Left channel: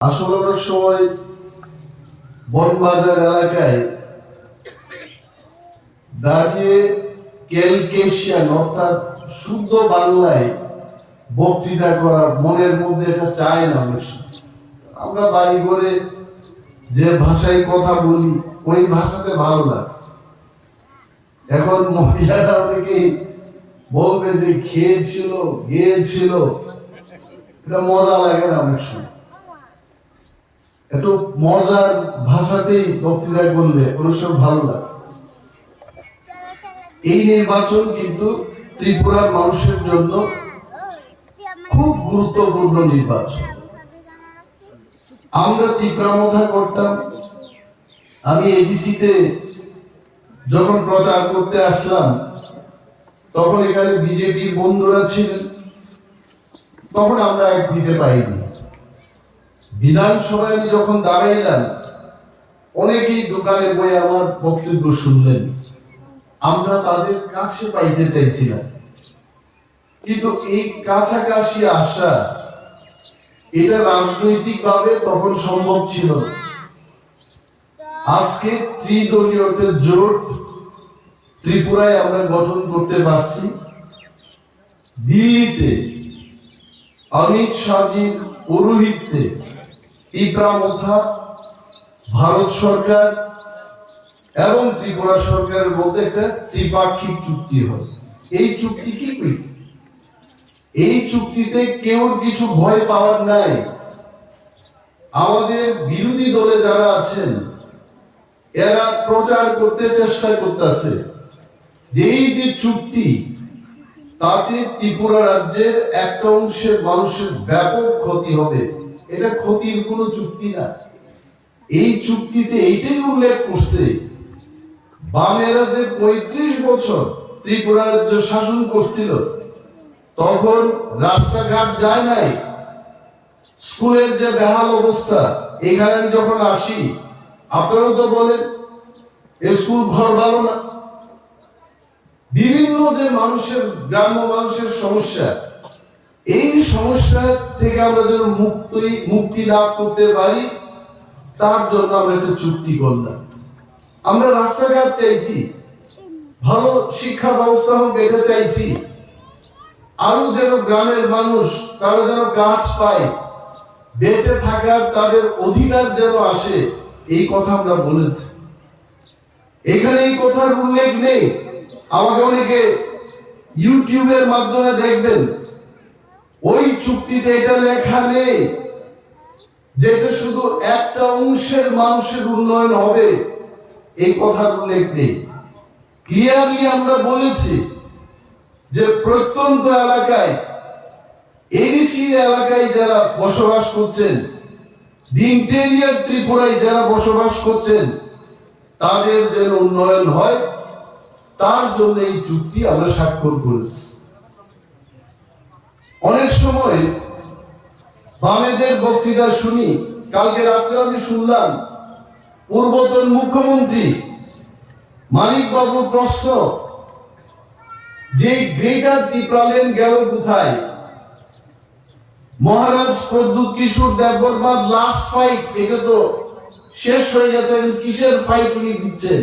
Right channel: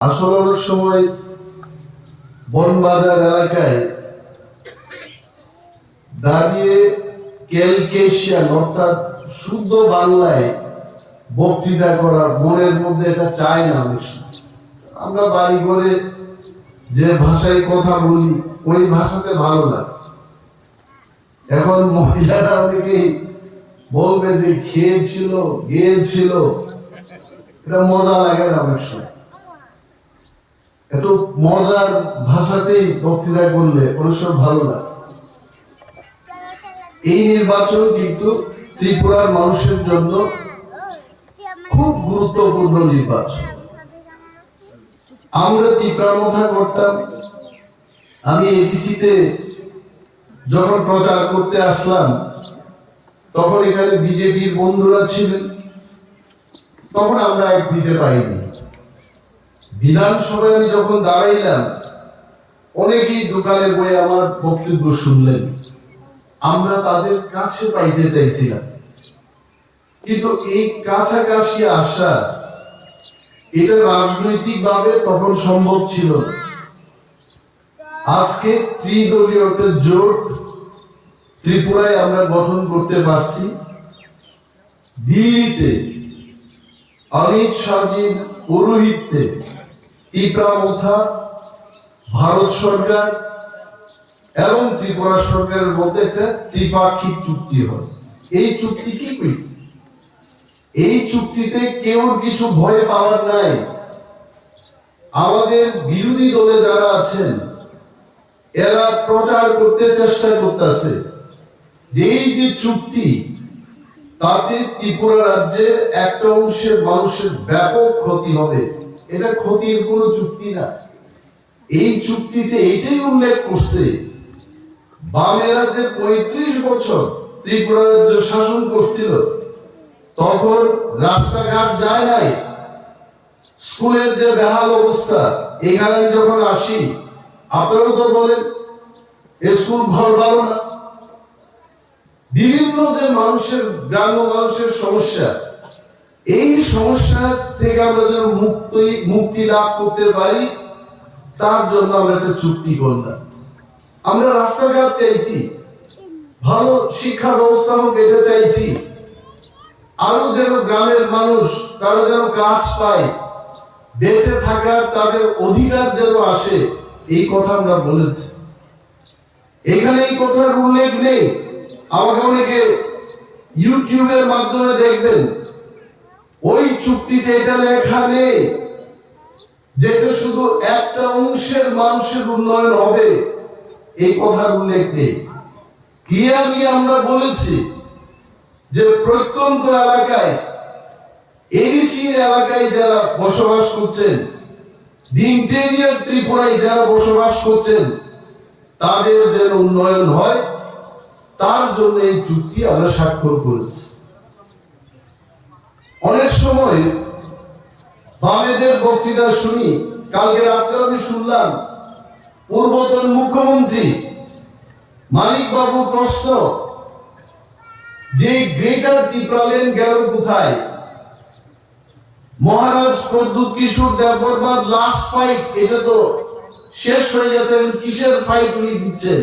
আসলে অনেক সময় বনবাজার এলাকায় দাঁড়িয়ে ক্যালকেশিয়ান অর্থাৎ শুদ্ধ বাংলায় বক্তৃতা করা মনের মধ্যে এটা চায় না। আমরা বাড়ি করে যে ভাষায় কথা বলি ওই ভাষাতে ভালো লাগে। এখন মহিলারা অনেকেই বলবে যে খেয়েছিল গিয়েছিল, এটা মজা লাগে না। অনেক সময় একটু মজার ভাষাতেই বক্তৃতা করলে অনেক সময় ভালো লাগে। এই নির্বাচন কিন্তু ত্রিপুরার মানুষের জন্য খুব গুরুত্বপূর্ণ নির্বাচন। আমরা ত্রিপুরা করতাম। আমি এডিসিতে যখন প্রচার করতে আসলাম তখন এখানে বিজেপির বন্ধুরা ছিলেন, তখন আমরা এক দিতে পাইনি। বিধানসভায় আমি যখন দাঁড়াইলাম অনেকেই দোকানে বই আমার বক্তব্য শুনলেন। আমরা তাদের কাছে পাইতে চাইছিলাম, কিন্তু এই কাছাকাছি আসা এটা রাজনৈতিক ভাবে তখন সম্ভব ছিল না। আজকে ত্রিদলীয় জোট ত্রিপুরায় আমরা গঠন করতে পারছি। দিল্লিতে অমিত শাহজির পৌরোহিত্যে ত্রিপুরা মোথা, ভারত সরকার এবং ত্রিপুরা সরকারের মধ্যে একটা ত্রিপাক্ষিক চুক্তি হয়। এই চুক্তি কি? এই চুক্তিতে কেউ কিছু ভয় পাওয়ার নাই। আমাদের বিরোধী দলে যারা আছেন এরা প্রচার করতে চেষ্টা করতেছে যে এই যে চুক্তি তাতে ত্রিপুরা রাজ্যের একটা অংশের মানুষের ব্যাপক ক্ষতি হবে। এটা ক্ষতির কোনো চুক্তি না। এই চুক্তিতে এইটাই উল্লেখ করছে বামেরা যে ৩৫ বছর ত্রিপুরা রাজ্য শাসন করছিল তখন রাস্তাঘাট যায় নাই, স্কুলের যে বেহাল অবস্থা। এখানে যখন আসি আপনারাও তো বলেন স্কুল ঘর ভালো না। বিভিন্ন যে মানুষের গ্রাম্য মানুষের সমস্যা, এই সমস্যা থেকে আমরা যেন মুক্তি লাভ করতে পারি তার জন্য আমরা একটা চুক্তি করলাম। আমরা রাস্তাঘাট চাইছি, ভালো শিক্ষা ব্যবস্থা হোক এটা চাইছি, আরো যেন গ্রামের মানুষ তারা যেন কাজ পায়, বেঁচে থাকার তাদের অধিকার যেন আসে, এই কথা আমরা বলেছি। এখানে এই কথার উল্লেখ নেই। আমাকে অনেকে ইউটিউবের মাধ্যমে দেখবেন ওই চুক্তিতে এটা লেখা নেই যেটা শুধু একটা অংশের মানুষের উন্নয়ন হবে, এই কথার উল্লেখ নেই। ক্লিয়ারলি আমরা বলেছি যে প্রত্যন্ত এলাকায় এডিসি এলাকায় যারা বসবাস করছেন, ইন্টেরিয়র ত্রিপুরায় যারা বসবাস করছেন তাদের যেন উন্নয়ন হয় তার জন্য এই চুক্তি আমরা স্বাক্ষর করেছি। অনেক সময় বামেদের বক্তৃতা শুনি। কালকে রাত্রে আমি শুনলাম পূর্বতন মুখ্যমন্ত্রী মানিক বাবু প্রশ্ন যে গ্রেটার ত্রিপুরাল্যান্ড গেল কোথায়? মহারাজ প্রদ্যুৎ কিশোর দেববর্মার লাস্ট ফাইট এটা তো শেষ হয়ে গেছে, কিসের ফাইট উনি দিচ্ছেন?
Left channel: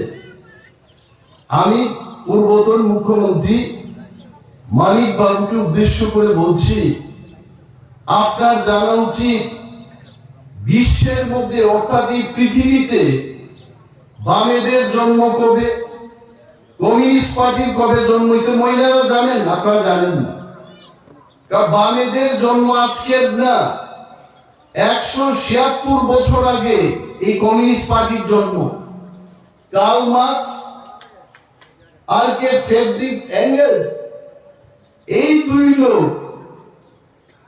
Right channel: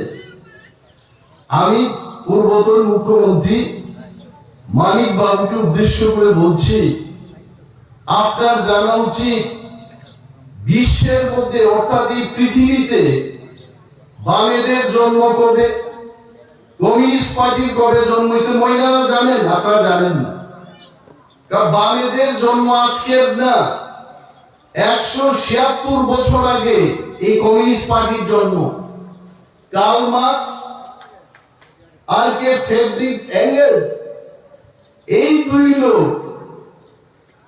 আমি পূর্বতন মুখ্যমন্ত্রী মানিক বাবুকে উদ্দেশ্য করে বলছি, আপনার জানা উচিত বিশ্বের মধ্যে অর্থাৎ এই পৃথিবীতে বামেদের জন্ম কবে, কমিউনিস্ট পার্টির কবে জন্ম হয়েছে মহিলারা জানেন? আপনারা জানেন না। বামেদের জন্ম আজকের না, ১৭৬ বছর আগে এই কমিউনিস্ট পার্টির জন্ম। কার্ল মার্কস আর কে ফ্রেডরিক এঙ্গেলস, এই দুই লোক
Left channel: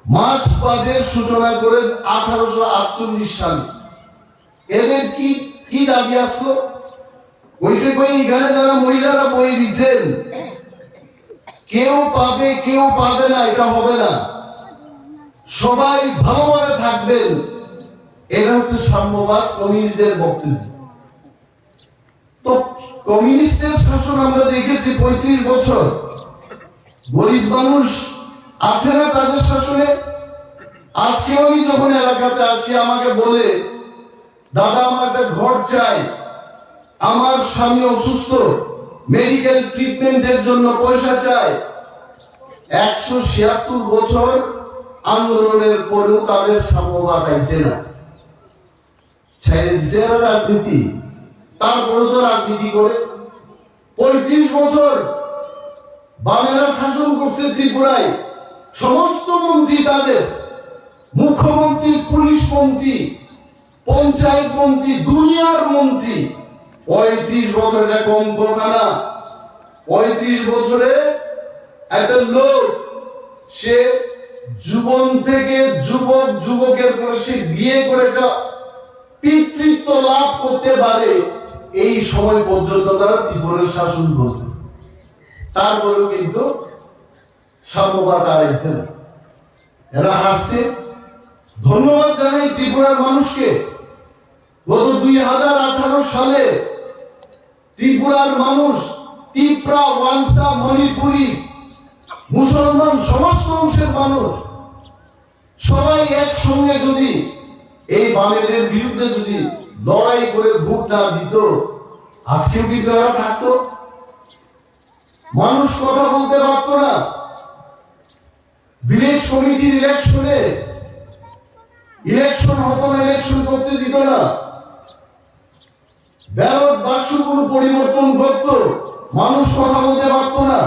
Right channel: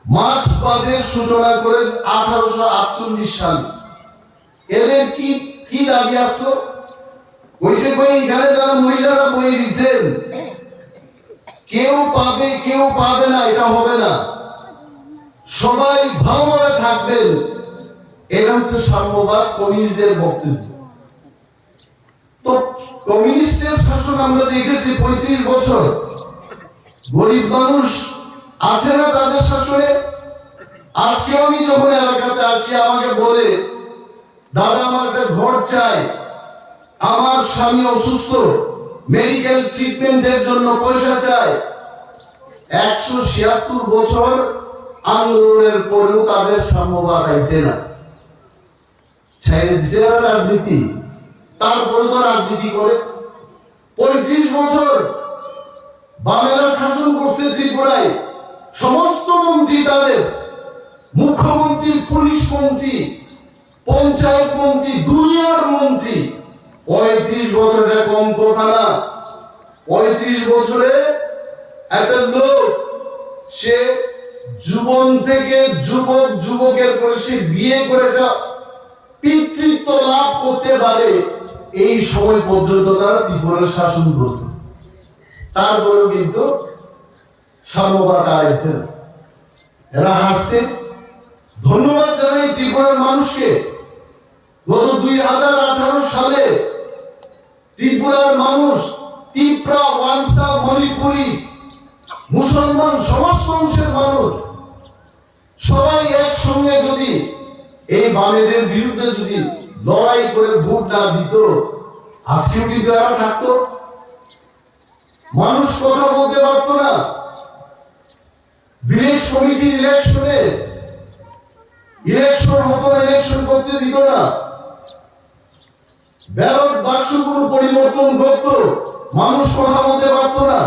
মার্ক্সবাদের সূচনা করেন ১৮৪৮ সালে। এদের কি দাবি আসলো? কইছে কই এখানে যারা মহিলারা বই দিতেন কেউ পাবে কেউ পাবে না, এটা হবে না, সবাই ভালোভাবে থাকবেন। এটা হচ্ছে সাম্যবাদ, কমিউনিস্টদের বক্তব্য। তো কমিউনিস্টের শাসন আমরা দেখেছি ৩৫ বছর। গরিব মানুষ আছে না তাদের শাসনে? আজকে আমি যখন এলাকাতে আসি আমাকে বলে, দাদা আমার একটা ঘর চাই, আমার স্বামী অসুস্থ, মেডিকেল ট্রিটমেন্টের জন্য পয়সা চাই। 176 বছর আন্দোলনের পরেও তাদের সাম্যবাদ আইছে না, ছেড়ে দিছে না রাজনীতি, তারপরে তো রাজনীতি করে। 35 বছর বামেরা শাসন করছে ত্রিপুরায়, সমস্ত মন্ত্রী তাদের, মুখ্যমন্ত্রী, পুলিশ মন্ত্রী, পঞ্চায়েত মন্ত্রী, দুনিয়ার মন্ত্রী। 35 বছরের কম কথা না। 35 বছরে একটা লোক, সে যুবন থেকে যুবকের করে সে বিয়ে করে একটা পিতৃত্ব লাভ করতে পারে, এই সময় পর্যন্ত তারা ত্রিপুরার শাসন করবে। তারপরেও কিন্তু সাম্যবাদ আড়াইছে না, এরা হাসছে। ধন্যবাদ জানাই ত্রিপুরার মানুষকে। গত 2018 সালে ত্রিপুরার মানুষ, ত্রিপুরা, ওয়ানসা, মণিপুরি, মুসলমান, সমস্ত অংশের মানুষ সবাই একসঙ্গে যদি এই বামেদের বিরুদ্ধে যদি লড়াই করে ভোট না দিত, আজকেও কিন্তু এরা থাকতো, মানুষ কথা বলতে পারতো না। ভিলেজ কমিটির ইলেকশনে ইলেকশন হতো না, ইলেকশন করতে দিত না, ব্যালট বাক্সগুলো পরিবর্তন করত, মানুষ কথা বলতে পারতো না।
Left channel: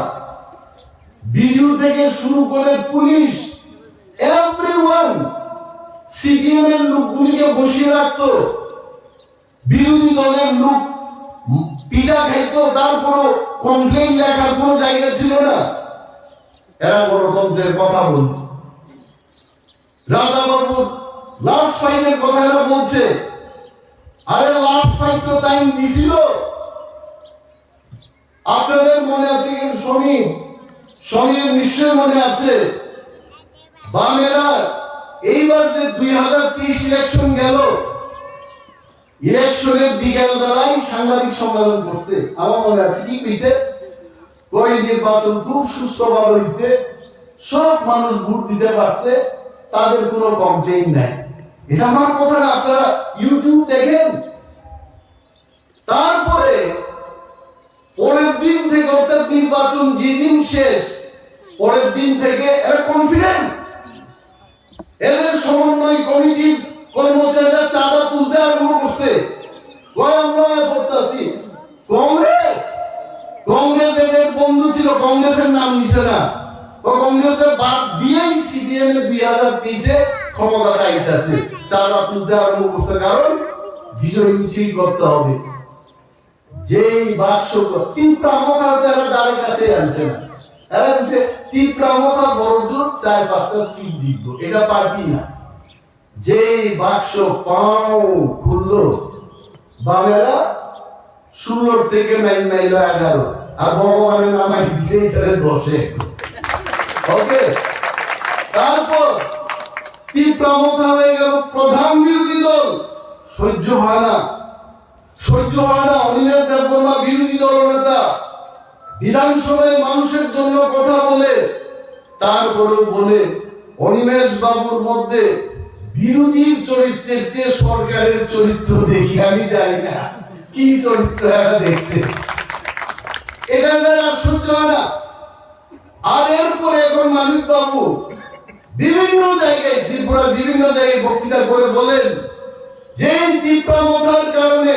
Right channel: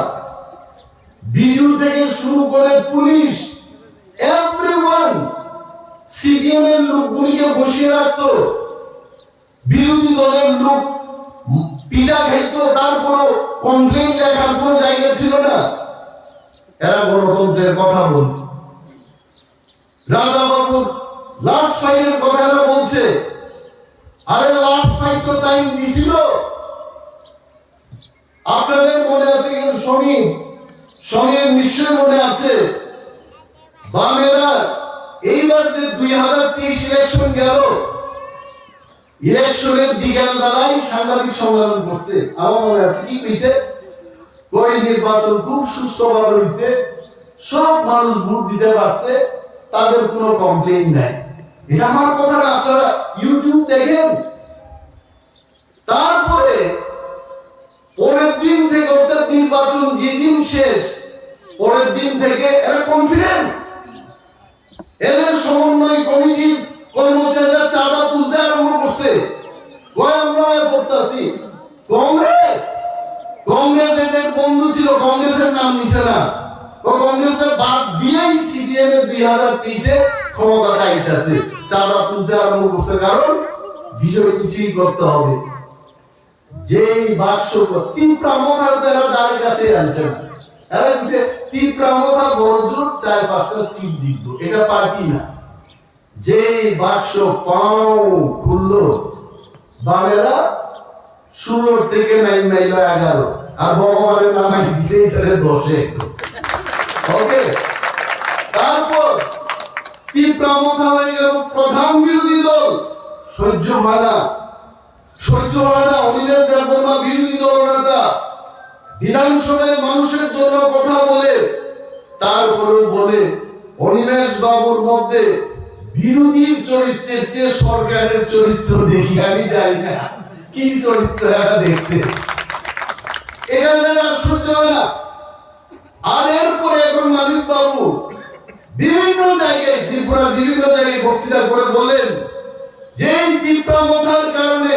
বিডিও থেকে শুরু করে পুলিশ, এভরিওয়ান সিপিএম এর লোকগুলিকে বসিয়ে রাখতো, বিরোধী দলের লোক পিঠা খাইতো, তারপর কমপ্লেন লেখার কোনো জায়গা ছিল না। এরা গণতন্ত্রের কথা বলত। রাজাবাবু লাস্ট ফাইটের কথা এরা বলছে, আরে লাস্ট ফাইট তো টাইম দিছিল। আপনাদের মনে আছে কেন? সমীর নিশ্চয় মনে আছে। বামেরা এইবার যে 2023 ইলেকশন গেল, ইলেকশনের বিকেল বেলায় সাংবাদিক সম্মেলন করতে, আমার মনে আছে কি কইতে, কই নির্বাচন খুব সুষ্ঠুভাবে হইতে, সব মানুষ ভোট দিতে পারছে, তাদের কোনো কমপ্লেইন নাই। এটা আমার কথা না, আপনারা ইউটিউব দেখেন। তারপরে পরের দিন থেকে, অর্থাৎ নির্বাচন যেদিন শেষ, পরের দিন থেকে এরা কনফিডেন্ট, এদের সমন্বয় কমিটির কর্মচারীরা চাঁদা তুলতে আরম্ভ করছে। আমরা করতেছি কংগ্রেস এদের বন্ধু ছিল, কংগ্রেসের নাম নিছে না, ও কংগ্রেসের বাদ দিয়েই সিপিএম এর 2023-এ ক্ষমতা চাইতেছে, চাঁদা তুলতে আরম্ভ করছে। কারণ বিষয় মিছিল করতে হবে। যেই বাক্স ত্রিপুরা মথার তারা দ্বারের কাছে আনছে না, এরা বলছে ত্রিপুরা মথা বড় জোর 4-5টা সিট জিতবো, এটা পার্টি না। যেই বাক্স পাও খুললো, বামেরা 16 থেকে 9 মাইল 11, আর ভগবানের নামাই দিছে এখানে 10-এ। ওকে, তারপর ত্রিপুরা মথা হয়ে গেল প্রধান বিরোধী দল। সহ্য হয় না। অনিলের দেববর্মা বিরোধী দলনেতা বিধানসভায় মানুষের জন্য কথা বলে, তারপরেও বলে অনিমেষ বাবুর মধ্যে বিরোধীর চরিত্রের চেয়ে সরকারের চরিত্র দেখি, আমি জানি না কি চরিত্র এরা দেখতে। এখানকার আর সহ্য হয় না। আর এরপরে এখন মানিক বাবু বিভিন্ন জায়গায়, ত্রিপুরার বিভিন্ন জায়গায় বক্তৃতা করে বলেন যে ত্রিপুরা মথার কারণে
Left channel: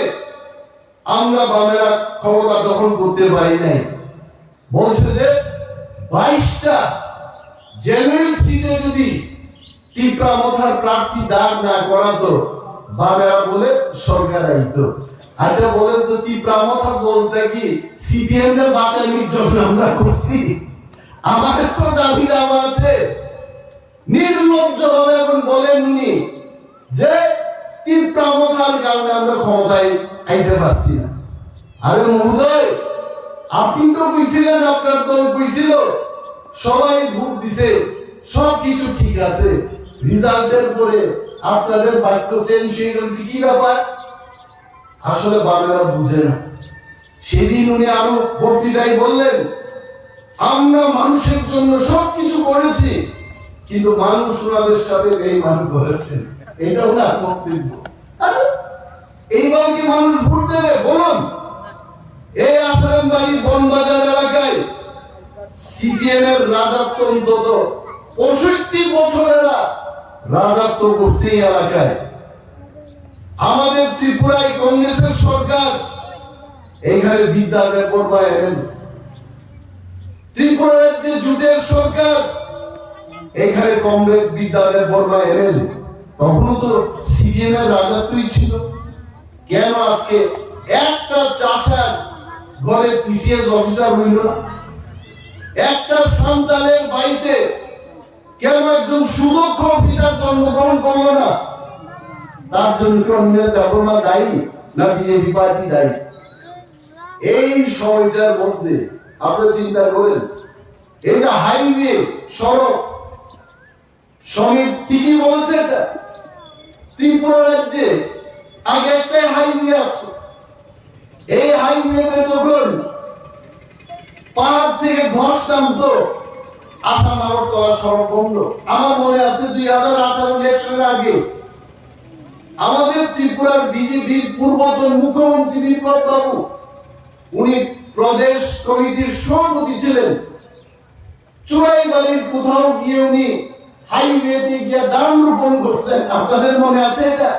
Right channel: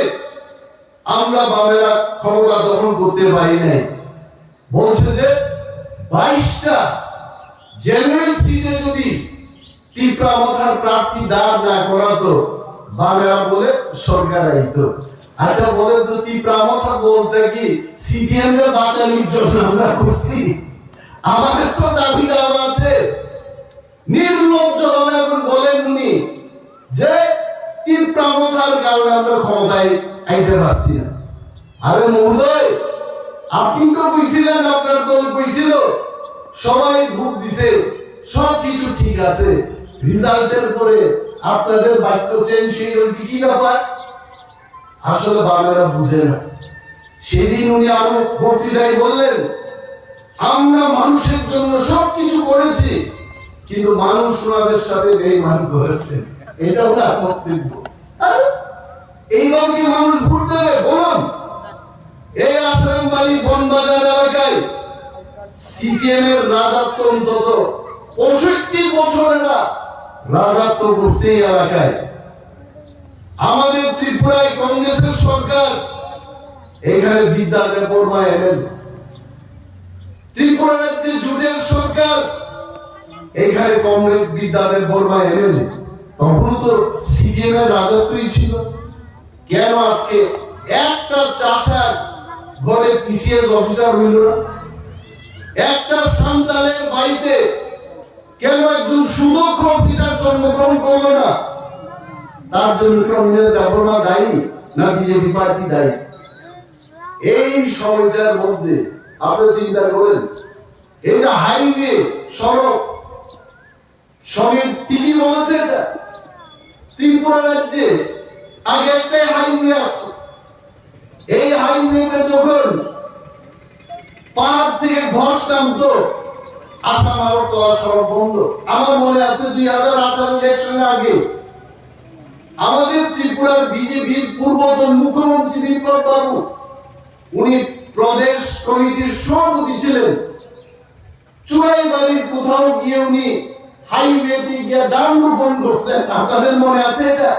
আমরা বামেরা ক্ষমতা দখল করতে পারি নাই। বলছে যে 22টা জেনারেল সিটে যদি ত্রিপুরা মথার প্রার্থী দাঁড় না করাতো, বামেরা বলে সরকার আইতো। আচ্ছা বলেন তো, ত্রিপুরা মথা বলতে কি সিপিএম এর বাঁচানোর জন্য আমরা করছি? আমাদের তো দাবি দাওয়া আছে। নির্লজ্জ ভাবে এখন বলেন উনি যে ত্রিপুরা মথার কারণে আমরা ক্ষমতায় আইতে পারছি না। আরে মহোদয়, আপনি তো বুঝছিলেন, আপনার দল বুঝছিল, সবাই ভোট দিছে, সবকিছু ঠিক আছে, রেজাল্টের পরে আপনাদের বাক্য চেঞ্জ হয়ে গেল, কি ব্যাপার? আসলে বাংলা বুঝে না। সেদিন উনি আরো বক্তৃতায় বললেন, আমরা মানুষের জন্য সবকিছু করেছি, কিন্তু মানুষ ওনাদের সাথে বেঈমান করেছে, এটা ওনার বক্তব্য। এইবার কি মানুষ ভোট দেবে বলুন? এই আশ্রমবাড়ি বনবাজার এলাকায় সিপিএম এর রাজত্ব অন্তত 65 বছরেরা রাজত্ব করছে এই এলাকায়। আমাদের ত্রিপুরায় কংগ্রেসের সরকার, এখানে বিদ্যালয় পড়ায় এমএলএ। ত্রিপুরা রাজ্যে জুটের সরকার, এখানে কংগ্রেস বিদ্যালয় পড়ায় এমএলএ। তখনও তো সিপিএম এর রাজত্বই ছিল। কেন আজকে একটা চাষার ঘরে টিসিএস অফিসার হইল না? একটা সান্তালের বাড়িতে কেন একজন সুদক্ষ অফিসার জন্মগ্রহণ করলো না? তার জন্য কংগ্রেস দেবনা দায়ী না বিজেপি পার্টি দায়ী? এই সময়টার মধ্যে আপনি চিন্তা করেন, এই যে হাইওয়ে সড়ক সমিতি ঠিকই বলেছে, এটা ত্রিপুরা রাজ্যে আগে একটাই হাইওয়ে আছে। এই হাইওয়েতে যখন পাহাড় থেকে ধস নামতো, আসাম আগরতলা সড়ক বন্ধ। আমার মনে আছে 2018 ইলেকশনের আগে আমাদের ত্রিপুরার বিজেপির পূর্বতন মুখ্যমন্ত্রী বিপ্লব বাবু, উনি প্রদেশ কমিটির সভাপতি ছিলেন। চুড়াইবাড়ির কোথাও গিয়ে উনি হাইওয়েতে গিয়ে দান রোপণ করছেন। আপনাদের মনে আছে এটা?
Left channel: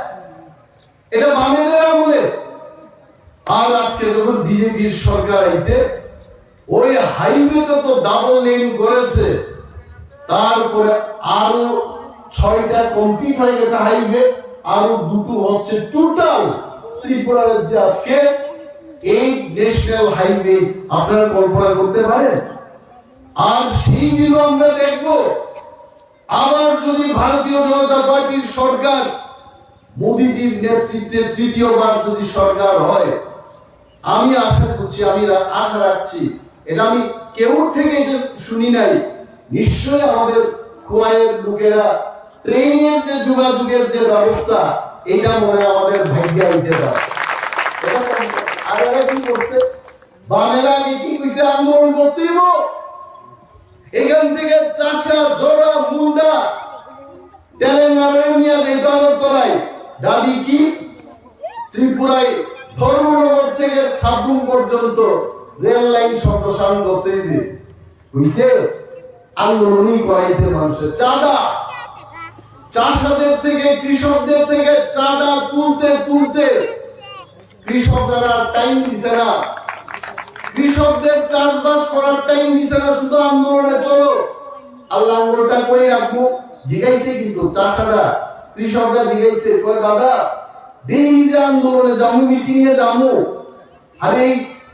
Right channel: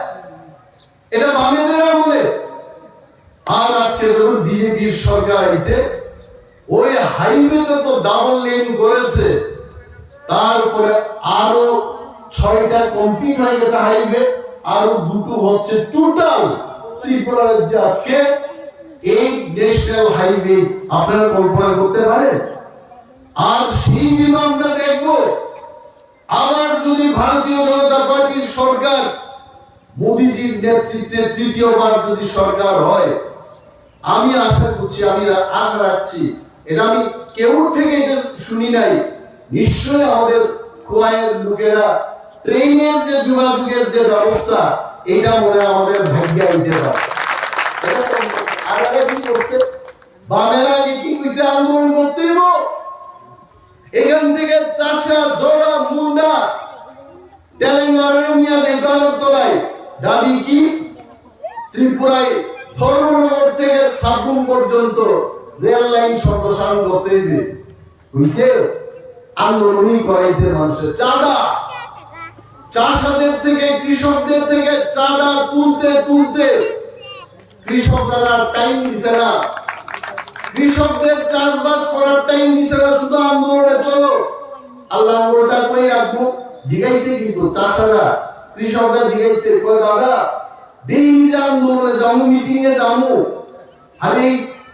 এটা বামেদের আমলে। আর আজকে যখন বিজেপির সরকার আইতে, ওই হাইওয়েটা তো ডাবল লেন করেছে, তারপরে আরো 6টা কমপ্লিট হয়ে গেছে হাইওয়ে, আরো 2টো হচ্ছে। টোটাল ত্রিপুরা রাজ্যে আজকে এই ন্যাশনাল হাইওয়ে আপনারা কল্পনা করতে পারেন? আর সেই দিন আমরা দেখব, আবার যদি ভারতীয় জনতা পার্টির সরকার, মোদীজির নেতৃত্বে তৃতীয়বার যদি সরকার হয়, আমি আশা করছি, আমি আশা রাখছি, এটা আমি কেউ থেকে এটা শুনি নাই, নিশ্চয়ই আমাদের খোয়াইয়ের লোকেরা ট্রেনের যে যোগাযোগের যে ব্যবস্থা, এটা মনে আমাদের ভাগ্যে আইতে পারে। আর এরা কি করছে? বামেরা আগে কি কইছে? আন্দোলন করতেইব। এখান থেকে চাষা, জোড়া, মুন্ডা, তেলেঙ্গানায় নিয়ে যেত আগরতলায়। দাবি কি? ত্রিপুরায় ধর্মনগর থেকে সাবরুম পর্যন্ত রেল লাইন সম্প্রসারণ করতে হবে। বুঝছে? আন্দোলনই করাইছে মানুষের। চাঁদা, চাষাদের থেকে, কৃষকদের থেকে চাঁদা তুলতে তুলতে কৃষকরা টাইম দিছে না, কৃষকদের চাষবাস করার টাইম দিছে না, শুধু আন্দোলনে চলো। আল্লাহ ওটা কই রাখবো? জিগাইছে কিন্তু চাষারা, কৃষকরা জিগাইছে, কই দাদা ডেইলি যে আন্দোলনে যাবো, মিটিং এ যাবো, আর এই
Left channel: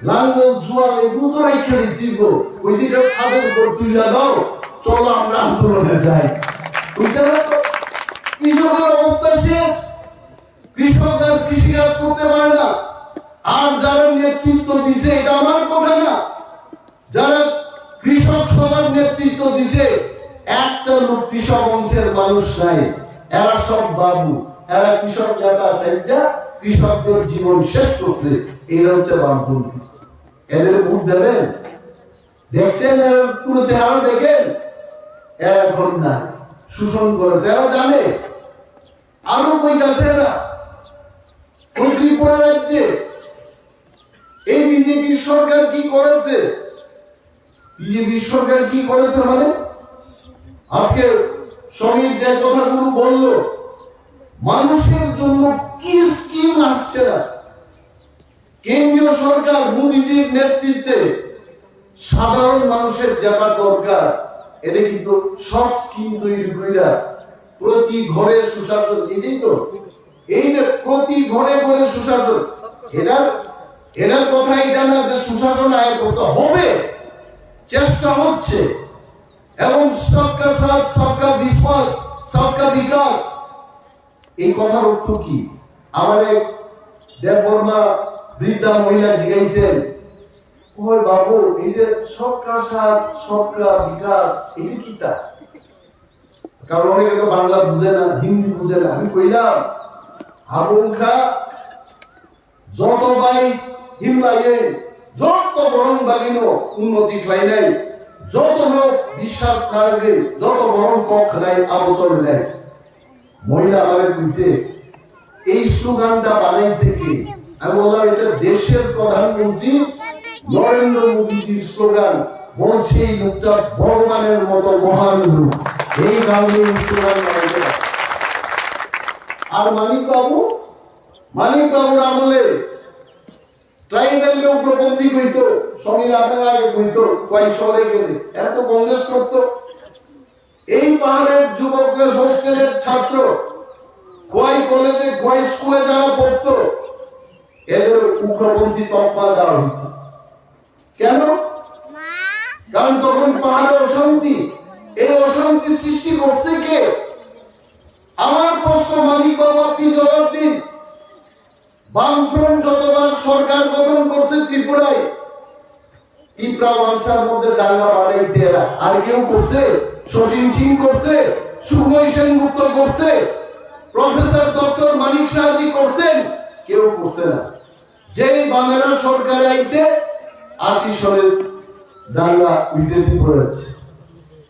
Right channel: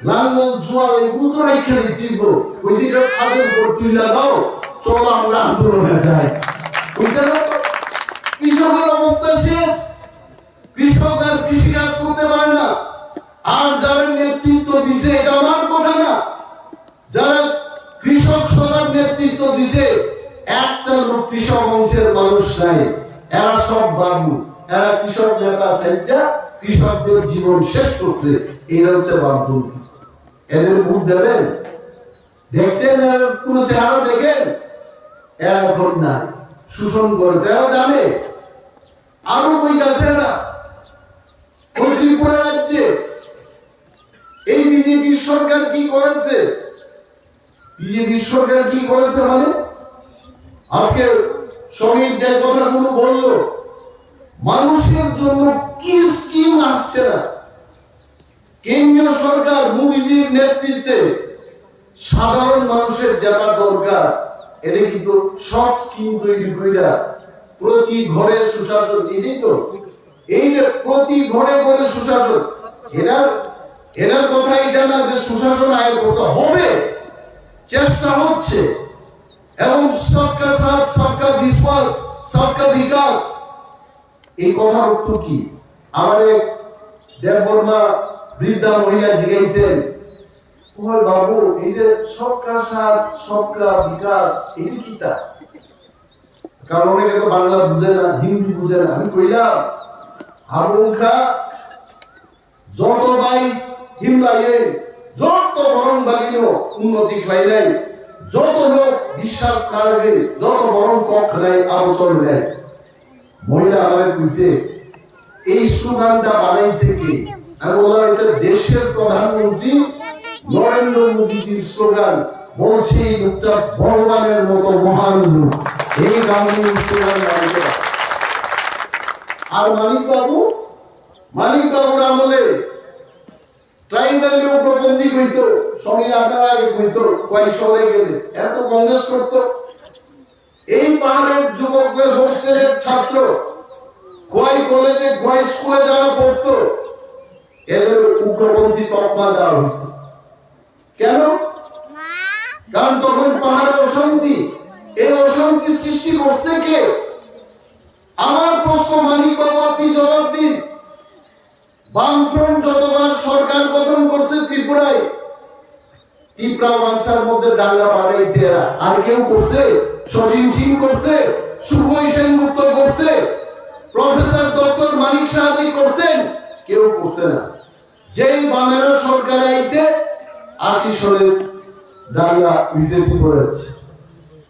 লাঙ্গল জুয়াল এগুলো তো রাইখে দিব, ওই সেটা ছাদের উপর তুইলা দাও, চলো আমরা আন্দোলনে যাই। কৃষকের অবস্থা শেষ। কৃষক আর কৃষি কাজ করতে পারে না। আর যারা নেতৃত্ব দিছে, এটা আমার কথা না, যারা কৃষক সভার নেতৃত্ব দিছে, একটা লোক কৃষক অংশের মানুষ নাই। এরা সব বাবু, এরা কৃষক নেতা সাইজা কৃষকদের জীবন শেষ করছে। এরা হচ্ছে বামপন্থী। এদের ভোট দেবেন? দেখছেন এরা কোন চেহারা দেখেন? এরা এখন না, শোষণ করেছে, এরা জানে। আরো কই গেছে এরা ওই ত্রিপুরা রাজ্যে। এই বিজেপি সরকার কি করেছে? বিজেপি সরকার কি করেছে মানে আজকে সবই যে কথাগুলো বললো, মানুষের জন্য কি স্কিম আসছে না। কেন্দ্রীয় সরকার মোদীজির নেতৃত্বে সাধারণ মানুষের যেটা দরকার, এটা কিন্তু সব স্কিম তৈরি কইরা প্রতি ঘরে সুশাসন, এটাই তো, এই যে প্রতি ঘরে ঘরে সুশাসন, এটার কথা এটা না যে সুশাসন আয় করতে হবে, চেষ্টা হচ্ছে। এবং সবকা সাথ, সবকা বিশ্বাস, সবকা বিকাশ, এই কথার অর্থ কি? আমার এক দেববর্মা বৃদ্ধা মহিলা জিজ্ঞাসেন, ওই বাবু এই যে সবকা সাথ, সবকা বিকাশ, এটা কি? তা কারণ অনেকে তো বাংলা বুঝে না, হিন্দি বুঝে না। আমি কইলাম, হারুখা যত ভাই হিমলাই যত বরং বাগিনো উন্নতি খাই নাই, যত লোক বিশ্বাস না রাখে, যত বরং কখ নাই আলোচনা নেয়, মহিলা আমাদের বুঝতে এই স্লোগানটা বানাইছে কি? আমি বললাম এটা দেশের প্রধানমন্ত্রী নরেন্দ্র মোদীজির স্লোগান। বলছে এই লোকটা ভগবানের মতো মহান লোক, এই কারণে স্লোগান বানাইছে। আর মানিক বাবুর আমলে ট্রাইবাল উগ্রপন্থী কইতো, সমীর আপনার আগে কইতো কয় শহরে গেলে এত কংগ্রেস করতো। এই পাহাড়ের যুবকরা হোস্টেলের ছাত্র কয় কলেজে কয় স্কুলে যারা পড়তো এদের উগ্রপন্থী তকমা দেওয়া হতো। কেন? কারণ তখন পাহাড়ে অশান্তি, এই অশান্তি সৃষ্টি করছে কে? আমার প্রশ্ন মানিক বাবু, আপনি জবাব দিন। বামফ্রন্ট যতবার সরকার গঠন করছে ত্রিপুরায়, ত্রিপুরা বাংলার মধ্যে দাঙ্গা বানাইছে এরা। আর কেউ করছে? শচীন সিং করছে, সুখময় সেনগুপ্ত করছে, প্রফেসর ডক্টর মানিক সাহাজি করছেন? কেউ করছে না। যেই বামেরা সরকারে আইছে 80 সালের দাঙ্গা বিজেপি করেছে।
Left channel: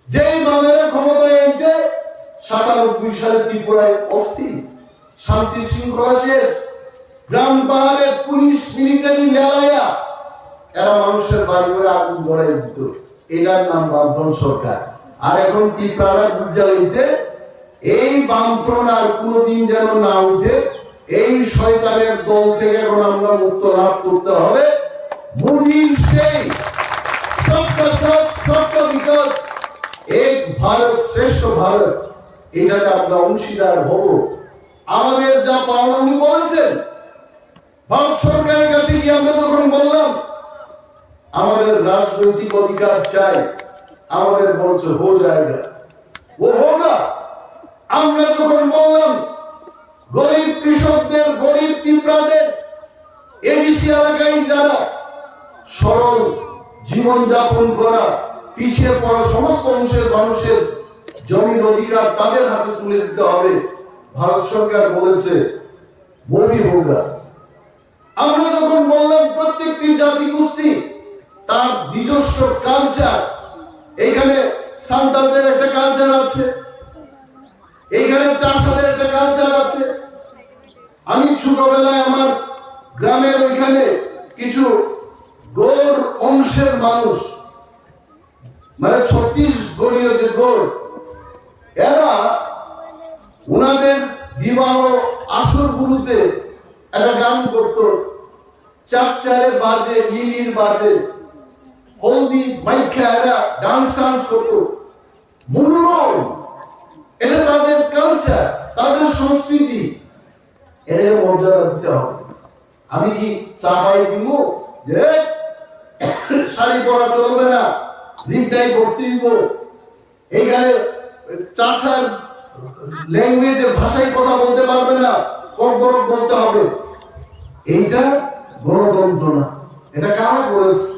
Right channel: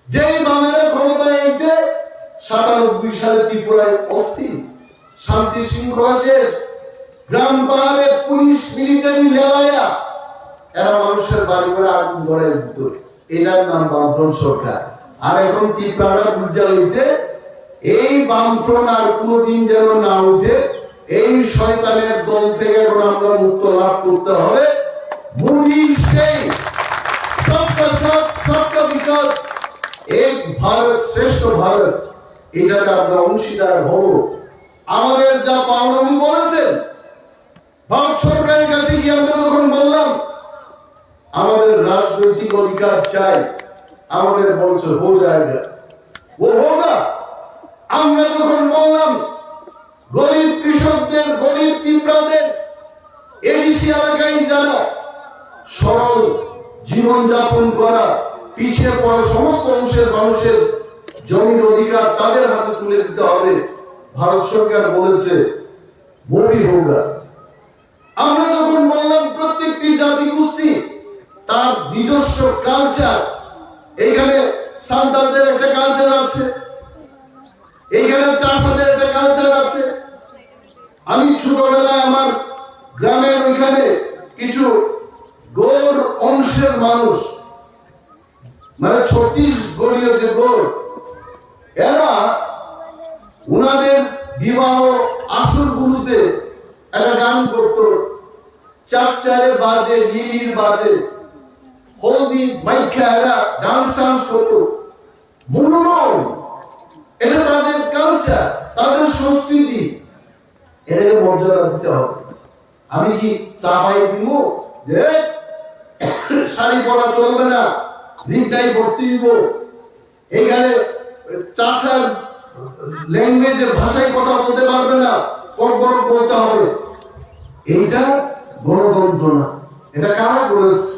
যেই বামেরা ক্ষমতায় আইছে 97 সালে ত্রিপুরায় অস্থির, শান্তি শৃঙ্খলা শেষ, গ্রাম পাহাড়ে পুলিশ মিলিটারি লেলায়া এরা মানুষের বাড়ি করে আগুন ধরাই দিত। এটার নাম বামফ্রন্ট সরকার। আর এখন ত্রিপুরাটা উজ্জ্বল হইতে এই বামফ্রন্ট আর কোনদিন যেন না উঠে, এই শয়তানের দল থেকে এখন আমরা মুক্ত লাভ করতে হবে। মোদীর সেই সবকা সাথ সবকা বিকাশ, এক ভারত শ্রেষ্ঠ ভারত, এটাতে আমরা অংশীদার হব। আমাদের যা পাওনা উনি বলেছেন, ভারত সরকারের কাছে গিয়ে আমরা তখন বললাম আমাদের রাজনৈতিক অধিকার চাই, আমাদের বলছে হো যায়গা, ও হোগা। আমরা যখন বললাম গরিব কৃষকদের, গরিব ত্রিপুরাদের, এডিসি এলাকায় যারা সরল জীবন যাপন করা, পিছিয়ে পড়া সমস্ত অংশের মানুষের জমির অধিকার তাদের হাতে তুলে দিতে হবে, ভারত সরকার বলেছে ববি হোগা। আমরা যখন বললাম প্রত্যেকটি জাতি গোষ্ঠী তার নিজস্ব কালচার, এইখানে সান্তালদের একটা কালচার আছে, এইখানে চাষাদের একটা কালচার আছে। আমি ছোটবেলায় আমার গ্রামের ওইখানে কিছু গৌর অংশের মানুষ, মানে ছত্তিশগড়ীয় যে গৌর, এরা উনাদের বিবাহ আসরগুলোতে একটা গান করতো, চারচারে বাজে, লিলির বাজে, হলদি মাইখা এরা ডান্স করতো। মনোনয়ন, এটা তাদের কালচার, তাদের সংস্কৃতি, এটাকে মর্যাদা দিতে হবে। আমি কি চাপাই দিব যে শাড়ি পরা চলবে না, রিংটাই পড়তে দিব, এইখানে চাষার ল্যাঙ্গুয়েজে ভাষায় কথা বলতে পারবে না, কর্করক বলতে হবে? এইটা গণতন্ত্র না, এটা কারা করেছে?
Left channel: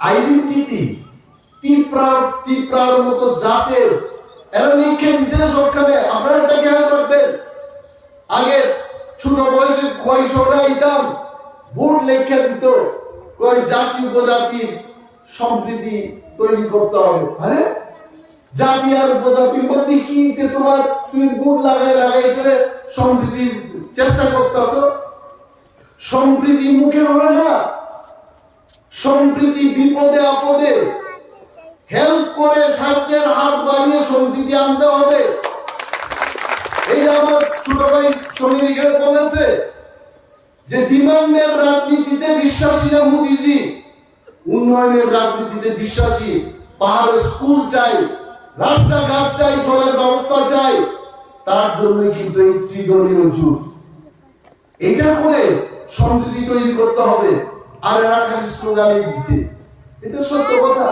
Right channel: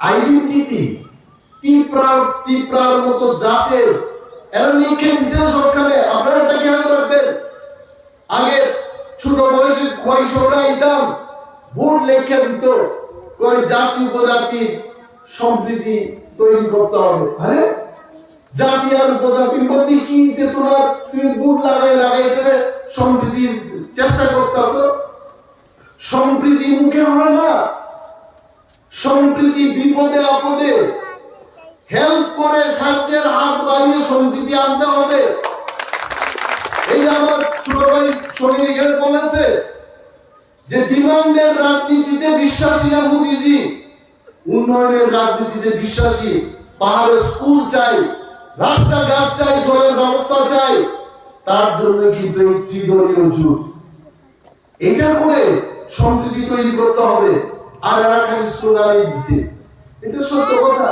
আইডেন্টিটি ত্রিপুরার মতো জাতের এরা লিখে দিচ্ছে সবখানে। আপনারা এটা খেয়াল রাখবেন। আগে ছোট বয়সে কৈশোররা আইতাম, বোর্ড লেখা দিত কয় জাতি উপজাতির সম্প্রীতি তৈরি করতে হবে। আরে জাতি আর উপজাতির মধ্যে কি যে তোমার তুমি বোর্ড লাগাই সম্প্রীতির চেষ্টা করতেছ? সম্প্রীতি মুখে হয় না, সম্প্রীতি বিপদে আপদে হেল্প করে সাহায্যের হাত বাড়িয়ে সম্প্রীতি আনতে হবে। এই আমার ছোট ভাই সমীর এখানে বলেছে যে ডিমান্ডের রাজনীতিতে বিশ্বাসী না মোদীজি, উন্নয়নের রাজনীতিতে বিশ্বাসী। পাহাড়ে স্কুল চাই, রাস্তাঘাট চাই, জলের ব্যবস্থা চাই, তার জন্য কিন্তু এই ত্রিদলীয় জোট। এটা করে সমৃদ্ধি তৈরি করতে হবে। আর এরা খালি স্লোগানই দিতে, এটা সত্য কথা।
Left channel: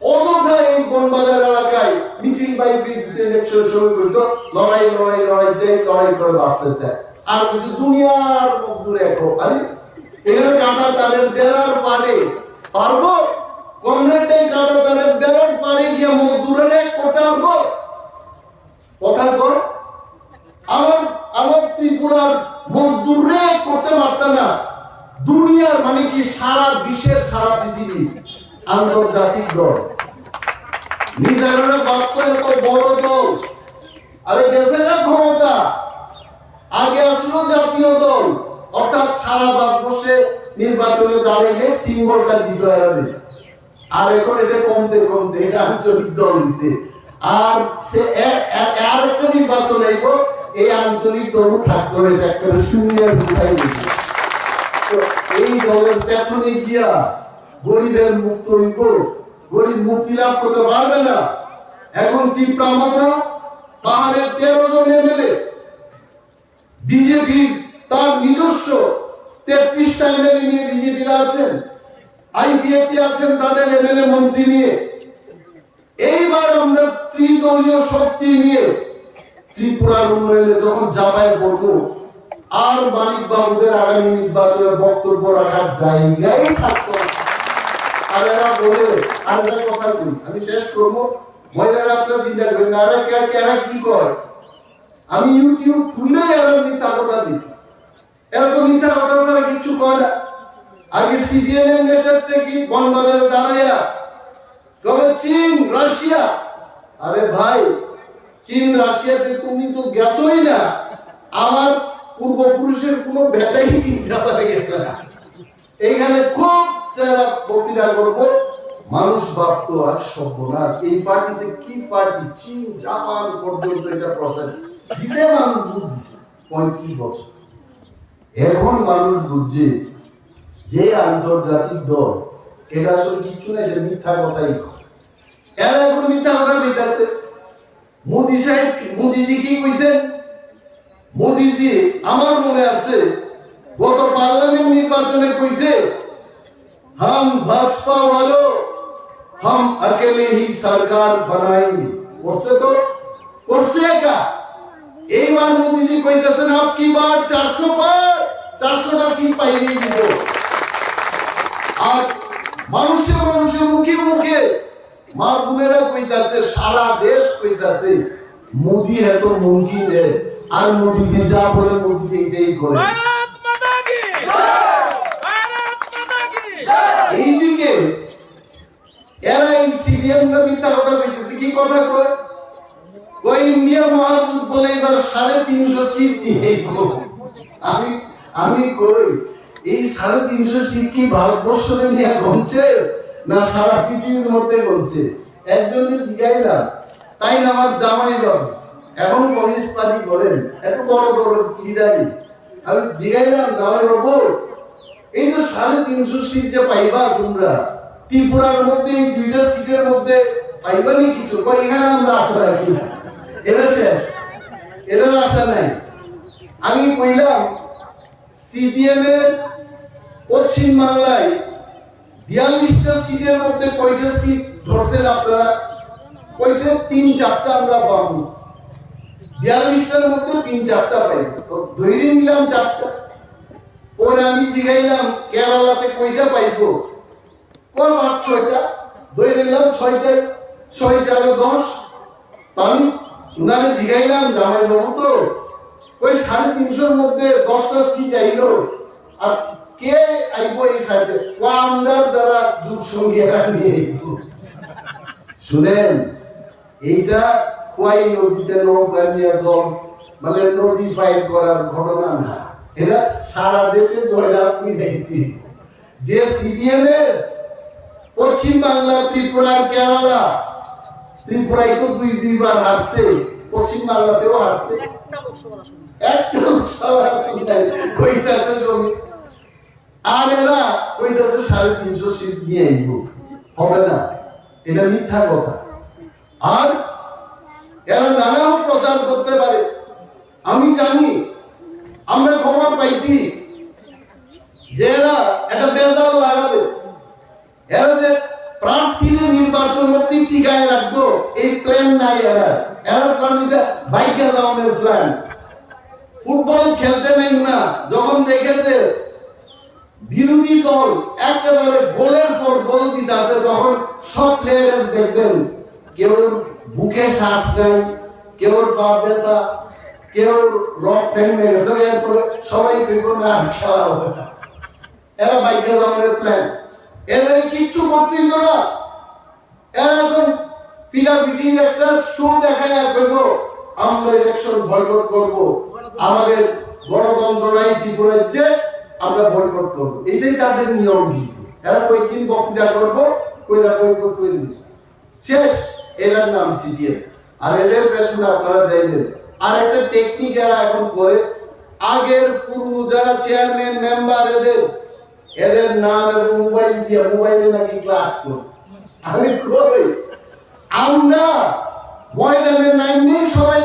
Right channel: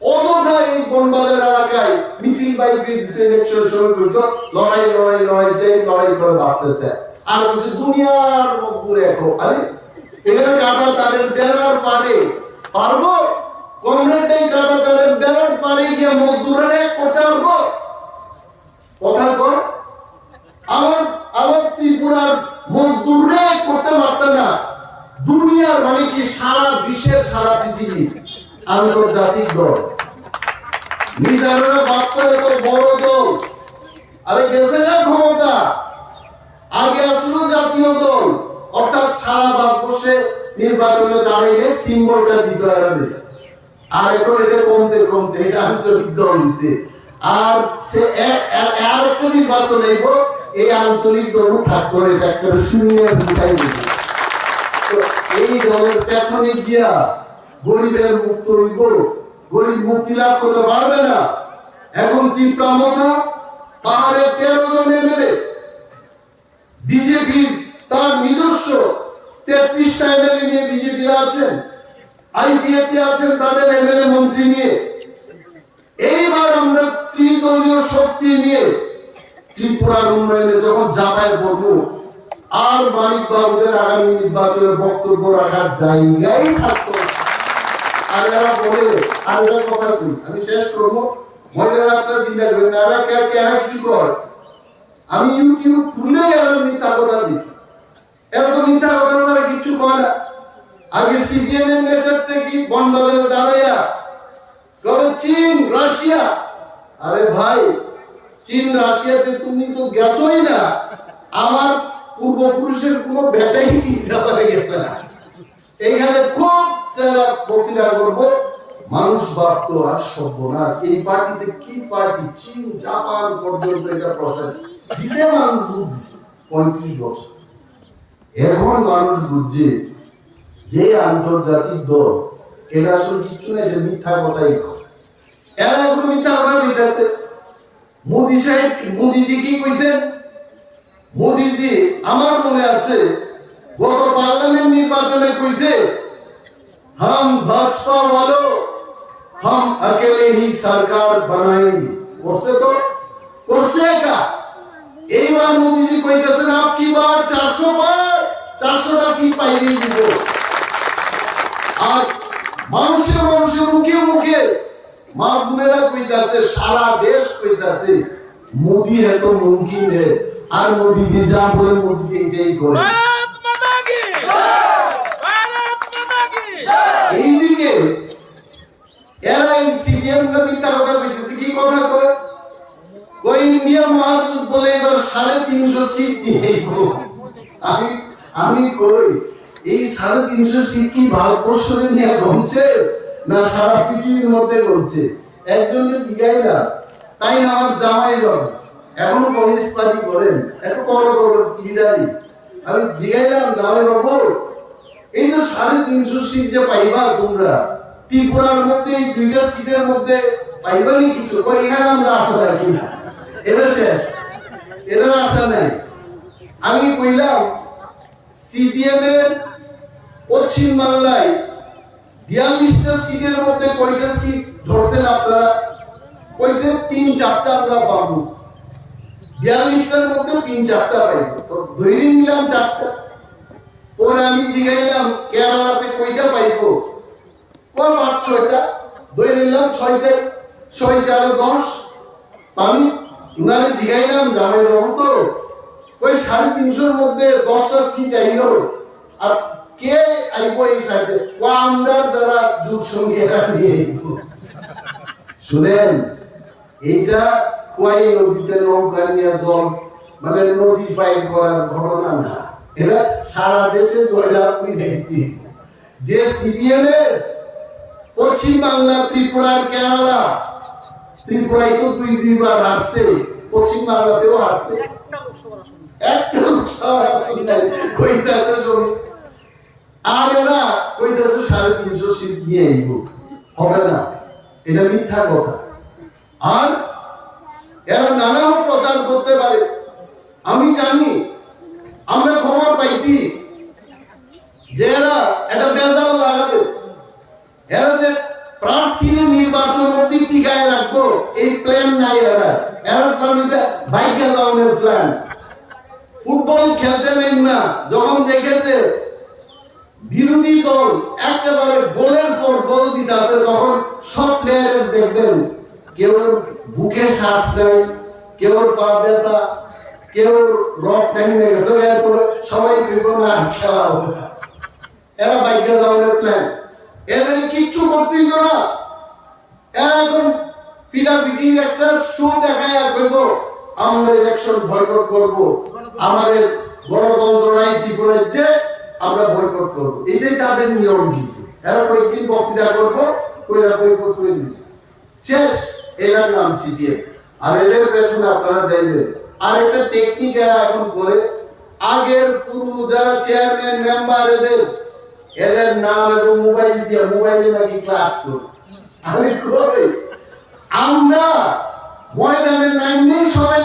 অযথা এই বনবাজার এলাকায় মিছিল বাইক ইলেকশনের সময় কিন্তু লড়াই চাই, লড়াই করে বাঁচতে চায়। আর কিন্তু দুনিয়ার মজদুর এখন, আরে এখানে কাটা তারের বেড়ার পারে পারবো? কমরেডটাই কাটা তারের বেড়ার পারে গিয়ে মজদুরের এক করতে পারবো? কথা কর। আমার ত্রিপুরার মজদুররে করতে পারত না, দুনিয়ার মানে কি সারা বিশ্বের, সারা পৃথিবী আন্তর্জাতিক দল। মিজানুরের বাপ্পা এত বড় দল, আরে গেছে না ক্ষমতা, আগে আসলো জাতীয় দল, অর্থাৎ সারা ভারতবর্ষে নির্বাচনে দাঁড়িয়ে সিম্বলটা দিতে হবে। আর এখন এটা কমতে কমতে এটা আঞ্চলিক দল দিতে, আর সে আর একটা নির্বাচন আইব, এই আঞ্চলিক দল ঠাকুর একটা শূন্যের উঠাই দিবে। তো এই দলের পেছনে গিয়া গরিবের মুক্ত হইব, গরিব মুক্তি লাভ করতে পারবে না। এখন তীব্রামতা পাহাড়ের 13 জন এমএলএ, বিজেপি তার নিজস্ব 33টা এমএলএ নিয়ে বিজেপিরা আছেন, আইপিএফটি আছেন তাদের এমএলএ মন্ত্রী নিয়ে। এইবার আমরা ত্রিদলীয় শক্তি নিয়ে ত্রিপুরার উন্নয়নে যখন জাপায় বলবো, আর মানিক বাবুদের আগামী নির্বাচনে বক্তব্য রাখার জায়গায় থাকতো। আর এরা বলে, আর একটা কথা কই, আমি শেষ করবো, মহিলারা আপনারা চিন্তা করেন না, এরা কি করে, আমি ইউটিউব খুললে এরা মিথ্যা কথা দেখি, এরা তো মিথ্যা কথা ছাড়া কিচ্ছু করে না। আগে সিপিএম নেচার থেকে বনবাজারে দাঁড়াইয়া কবে চীন রাশিয়া, আরে ভাই চীন রাশিয়াতে তুমি তো গেছোই না, আমার পূর্বপুরুষের কোনো বেটাই চিন্তা করে গেছে না। এইখানে খুব যারা বক্তৃতা করবো, মানুষ ভাবতো আর সর্বনাশ, এই পার্টিতে কি পার্টি, চীন জাপান পর্যন্ত এটা প্রচার দিছে, মানুষ বুঝছে 35 বছর। এখন মানুষ বুঝছে যে আন্তর্জাতিক দল এটা আসলে কিচ্ছু না, এটা মিথ্যা কথাই। এরা এখন মিথ্যা কথা বিদ্যার্থে মোদী সাহেব, মোদীজি কি কইছেন? মোদীজি আমার মনে আছে গত পার্লামেন্ট নির্বাচনে কইছে, हम भाजपा वालों हम अकेले ही सरकार बनाएंगे। করছে তো, করছে একা। এইবার মোদীজি কইতেছেন আপকি বার 400 পার, 400টা সিট পাইলেই দিব। আর মানুষের মুখে মুখে মা বোনেরা কইতাছে, সারা দেশ কইতাছে মোদী এত মুমকিন है, আর মোদীজি যা বলে মোদীজি এটাই করে। এইদিকে এরা এই সিপিএম না মিথ্যা কথা কইতেছে, কি কথা কয়, কই ইন্ডিয়া মহাজোট বলে এবার 350 সিট নিয়ে। আমি কই এই 350 সিট কি ভারতবর্ষে নিয়ে গমছে না সারা পৃথিবীর মধ্যে গমছে? একজনকে জিজ্ঞাইলাম, তাই না আমার জামাই বাবু এখনো কমিউনিস্ট পার্টি করেন, একটু বড় বড় লিডারই, আমি জিজ্ঞাইলাম জামাই বাবু এই যে 350 সিট যে পাইবা তোমরা ত্রিপুরার মধ্যে, এই 2টা সিটের মধ্যে পাইবা নি কিছু? কই এখানে আমরা আশা রাখি না, এরা শেষ, এরা আশা নাই। আমি কইলাম সিপিএম এর পশ্চিম বাংলায় 42টা সিটের মধ্যে কয়টা সিট ধরছেন আপনারা? কইছে 3-4টা আমরা পাবো। 42টার মধ্যে 3-4টা পাইব, তো ধরে নিলাম 4টা। পরে আমি জিগাইলাম কেরালাতে কয়টা পাইবো? কয় 5-6টা, ধরে নিলাম 6টাই, 6-4 10। আমি উনারে জিগাইলাম জামাই বাবু তো কই 350-র মধ্যে 10টা সিট আইলো, আর কে আইবো এই সাইডে? আমরা যারা যুগ সঙ্গীরা নিয়ে আইবো। শুনেন, এইটা কোয়াই নদীতে নৌকা নিয়ে জল মানে নদী ফাইল করার ঘটনা না, এটা সারা দেশে জয়লাভী একটি। যে সিপিএম এর পশ্চিম বাংলা, ত্রিপুরার কেরালা, ত্রিপুরায় তো 2-2বার হারছে, পশ্চিম বাংলাতেও হারছে, একটা লোকসভা আসন নাই, কইতাছে জমি। আর এরা কইতাছে 350 সিট নিয়ে আইব, হবে না, এটা মিথ্যা কথা। আর এরা নানান প্রচার করতে পারে, আমি জানি, আমরা খবর পাইছি যে এরা একটা বেজাল লাগাবে, এরা যে প্রার্থীর নির্বাচন অব্দি টিকায় রাখবো এই প্ল্যান নাই। এরা প্ল্যানিতে বাইকে যাওয়ার প্ল্যান। ফুটবল খেলতে নাই না, যখন দেখেছে বিরোধী দল একেবারে গোলের পর গোল দিতে, তখন সব প্লেয়ার দেখবেন কেউ বুকে শ্বাস নেয়, কেউ পা ব্যথা, কেউ রক ভেঙে গেছে, সবাই কইব না খেলা হবে না। এরা বাইকে যাওয়ার প্ল্যান। এদের কিচ্ছু করতেই তো না। এরা এখন পিটাপিটির একটা শো দেখায় আর কইব আমরা ইলেকশন বয়কট করব, আমাদের গণতন্ত্র নাই ত্রিপুরার যে আমরা বয়কট করব, এটাই তাদের নিয়ম। কিন্তু এরা কয়েকদিন বক্তৃতা করবো, কইরা বয়কট করে দিবে, শেষ। এটার নাম সিপিএম। আর এদের পেছনে আপনারা যাইবেন আর একটা টেকনিক এরা এখন করে, আগের পুরনো যারা চেয়ারম্যান মেম্বার এদের নাম এবং মোবাইল দিয়ে মোবাইলে নাকি ক্লাস করে। আমি কই আমরা ময়দানে নাইনি সবাই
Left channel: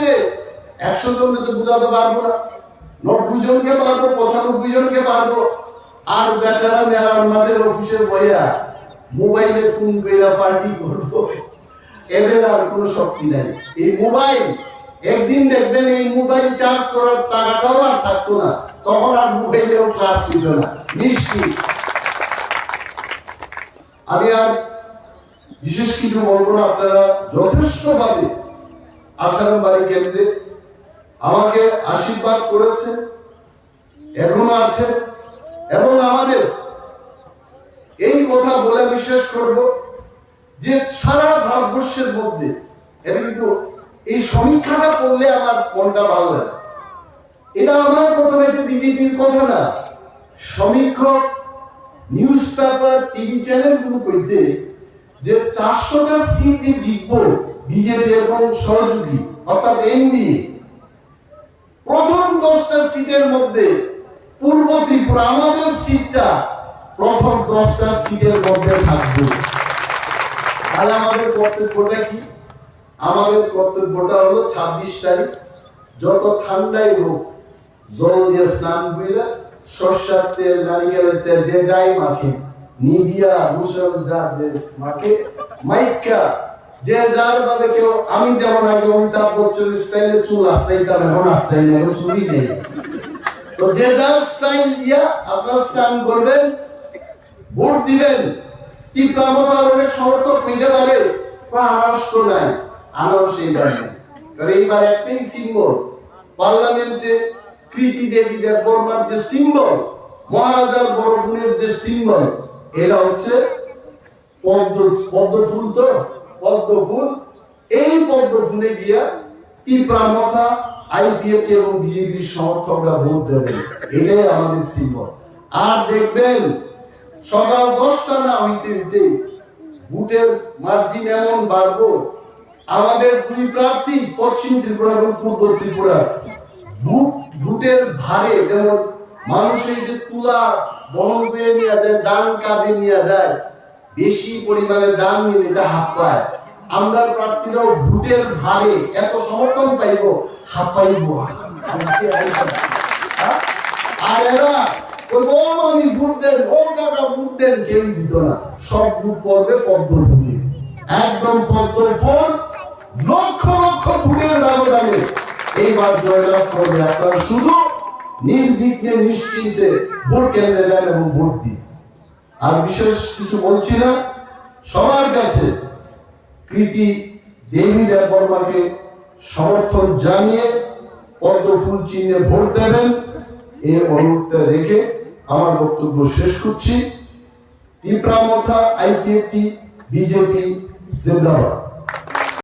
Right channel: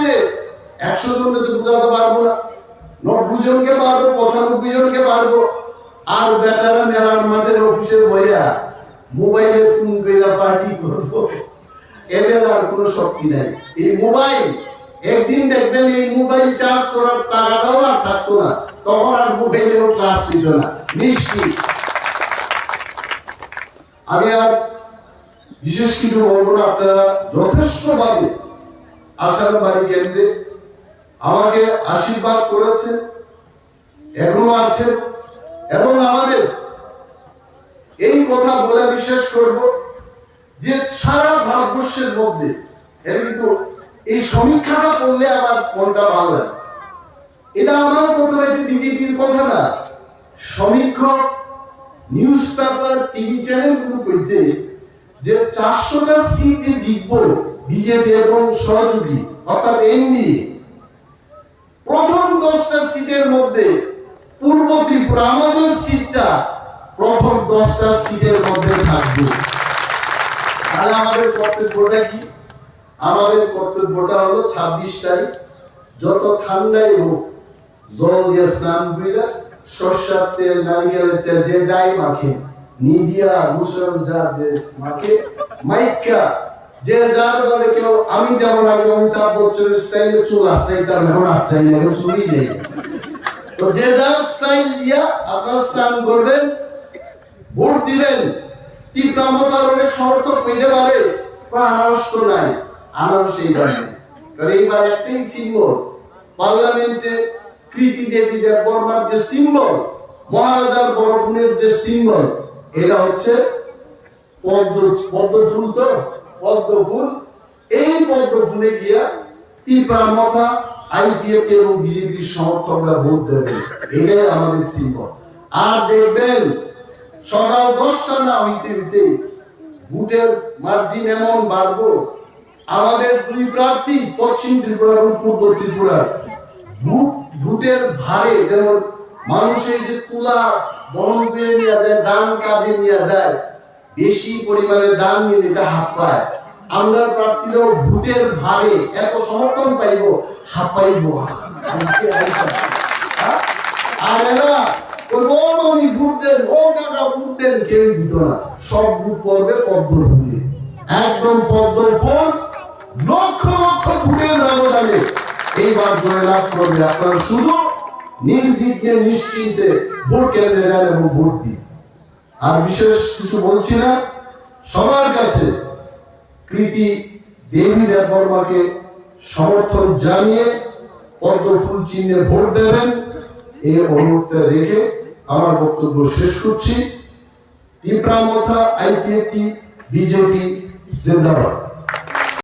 100 জনকে তো বুঝাতে পারবো না, 90 জনকে পারবো, 95 জনকে পারবো। আর বেটারা মেলার মাঠের অফিসে বইয়া মোবাইলে ফোন কইরা পার্টি করবো, এদের আর কোনো শক্তি নাই। এই মোবাইল একদিন দেখবেন এই মোবাইল চার্জ করার টাকাটাও আর থাকতো না, তখন আর মোবাইলেও ক্লাস ছিল না, নিশ্চিত। আমি আর বিশেষ কিছু বলবো না। আপনারা যথেষ্টভাবে আশারামবাড়ি কেন্দ্রে আমাকে আশীর্বাদ করেছে, এখনো আছে। এবং আমাদের এই কথা বলে বিশেষ করব যে সারা ভারতবর্ষের মধ্যে এটা কিন্তু এই সমীক্ষাটা করলে আমার মনটা ভালো লাগে। এটা আমার কথা না, এটা বিজেপির কথা না। সমীক্ষক, নিউজ পেপার, টিভি চ্যানেল গুলো কইতে যে 400টা সিট যে জিতবো বিজেপি এবং সহযোগী অর্থাৎ এনডিএ, প্রথম 10টা সিটের মধ্যে পূর্ব ত্রিপুরা আমাদের সিটটা প্রথম 10টা সিটের মধ্যে থাকবে। তাহলে আমাদের কর্তব্যটা কি? আমাদের কর্তব্যটা হলো 26 তারিখ যত ঠান্ডাই হোক জল দিয়ে স্নান করে সরষের তেল, নারিকেলের তেল যে যাই মাখে, নিবিয়া মুসল যা যে মাখে, মাইকা যে যার দলে কেউ, আমি যেমন আগে অমিতাভ বচ্চনের স্টাইলে চুল আসাইতাম, এখন আসাই না, চুলই নেই। তো যে যার স্টাইল দিয়া আপনার স্নান করবেন, ভোট দিবেন। তীব্রামতার অনেক সমর্থক কইতে পারে আনারস তো নাই, আনারস এইবার নেই, কারণ এইবার একটাই সিম্বল, পার্লামেন্টে কৃতি দেবী দেব বর্মার যে সিম্বল, মহারাজার বড় বোনের যে সিম্বল, এটা হচ্ছে পদ্মফুল। তো পদ্মফুল, এই পদ্মফুলে গিয়া তীব্রামতা আইপিএফ এবং বিজেপির সমর্থকরা ভোট দেবে, এটাই আমাদের সিম্বল। আর দেখবেন সকাল 10টা না হইতে হইতে ভোটের মার্জিন এমন বাড়বো, আমাদের দুই প্রার্থী পশ্চিম ত্রিপুরা এবং পূর্ব ত্রিপুরার ভোটের ভারে, যেমন মানুষের যে তুলা বহন করে নিয়ে যায়, দান কাঁধে নিয়ে দেয়, বেশি পরিমাণে দান নিলে এটা হাত পায়। আমরা প্রার্থীরাও ভোটের ভারে এত সমর্থন পাইব, হাত পাইব। আর এরা আমি ভোট দেন, ও কাকা ভোট দেন, কেউ দিত না। সব ভোট পড়বে পদ্মফুলে, একদম পদ্মফুল, লক্ষ লক্ষ ভোটের ব্যবধানে এইবার জয়লাভ করবে। আপনারা শুধু নির্বিঘ্নে নিশ্চিন্তে ভোট কেন্দ্রে যান এবং ভোট দিন। আর বিশেষ কিছু বলছি না, সবার কাছে কৃতি দেবী দেব বর্মাকে সমর্থন জানিয়ে পদ্মফুল চিহ্নে ভোট দেবেন, এই অনুরোধটা রেখে আমার বক্তব্য শেষ করছি। তীব্রামতা আইপিএফটি বিজেপি জিন্দাবাদ।